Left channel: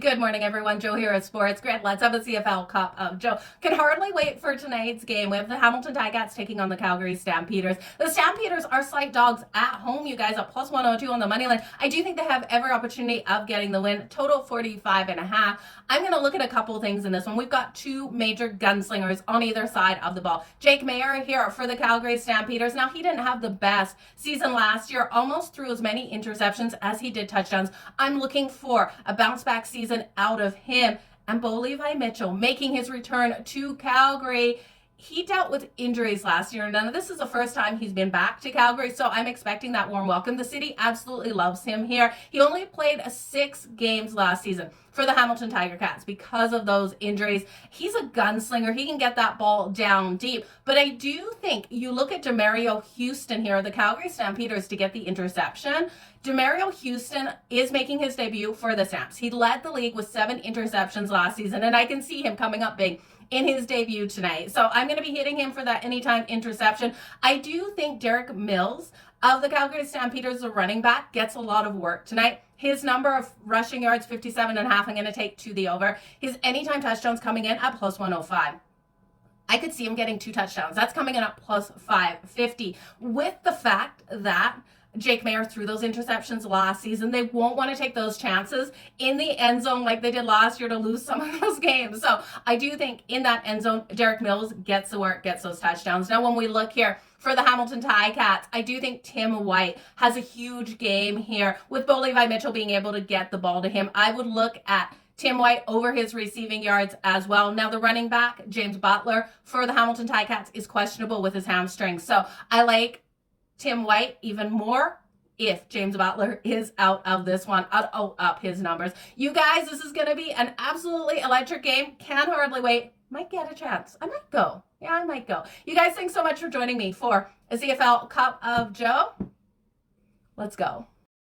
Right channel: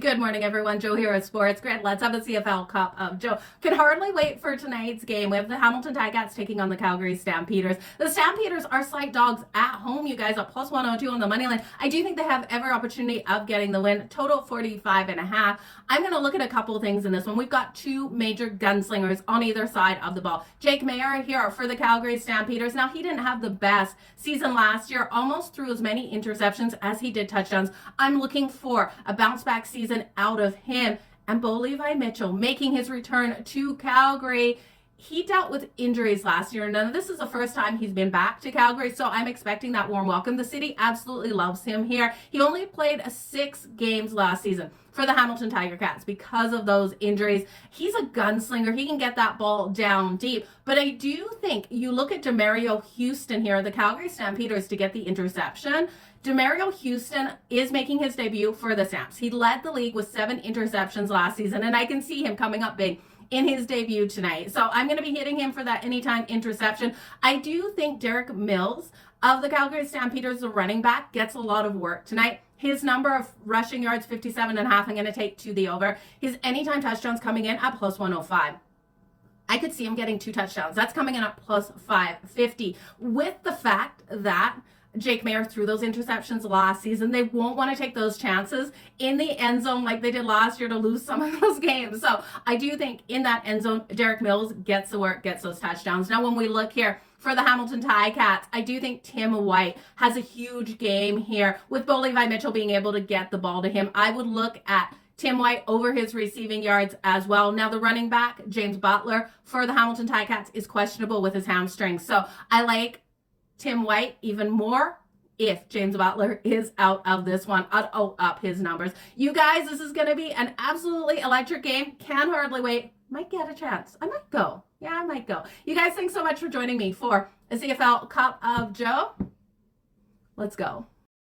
Good morning, everyone. Jo here at Sports Grid. Let's have a CFL Cup of Joe. Can hardly wait for tonight's game. We have the Hamilton Ticats taking on the Calgary Stampeders. The Stampeders are slight dogs at home, you guys, at plus 102 on the money line. I do think they have every opportunity of getting the win. Total 45.5. I'm going to look at a couple things in this one. We've got two major gunslingers on either side of the ball. Jake Maier here for the Calgary Stampeders. Now, he didn't have the best season last year, almost threw as many interceptions as he did touchdowns. I'm looking for a bounce back season out of him. And Bo Levi Mitchell making his return to Calgary. He dealt with injuries last year, and none of this is the first time he's been back to Calgary, so I'm expecting that warm welcome. The city absolutely loves him here. He only played 6 games last season for the Hamilton Tiger Cats because of those injuries. He's a gunslinger. He can get that ball down deep. But I do think you look at Demario Houston here, the Calgary Stampeders, to get the interception. Demario Houston is making his debut for the Stamps. He led the league with 7 interceptions last season, and I can see him coming up big in his debut tonight. So I'm going to be hitting him for that anytime interception. I do think Derek Mills of the Calgary Stampeders, the running back, gets a lot of work tonight. His number of rushing yards, 57.5, I'm going to take to the over. His anytime touchdowns coming in at plus 105. I could see him getting 2 touchdowns. That's coming in at plus 550. With the fact that Jake Maier threw those interceptions last season, they won't want to take those chances in the end zone like they did last year to lose some of those games. So I do think in that end zone, Derek Mills gets the work, gets those touchdowns. Now, when we look here for the Hamilton Ticats, I do think Tim White has a huge game here with Bo Levi Mitchell being able to get the ball to him. I would look at Tim White over his receiving yards as well. Now, the running back, James Butler, for the Hamilton Ticats is questionable with his hamstring. So I like Tim White even more if James Butler is out of this one. I'll up his numbers. You guys, this is going to be an absolutely electric game. Can hardly wait. Might get a chance. I might go. Yeah, I might go. You guys, thanks so much for joining me for a CFL Cup of Joe. Let's go.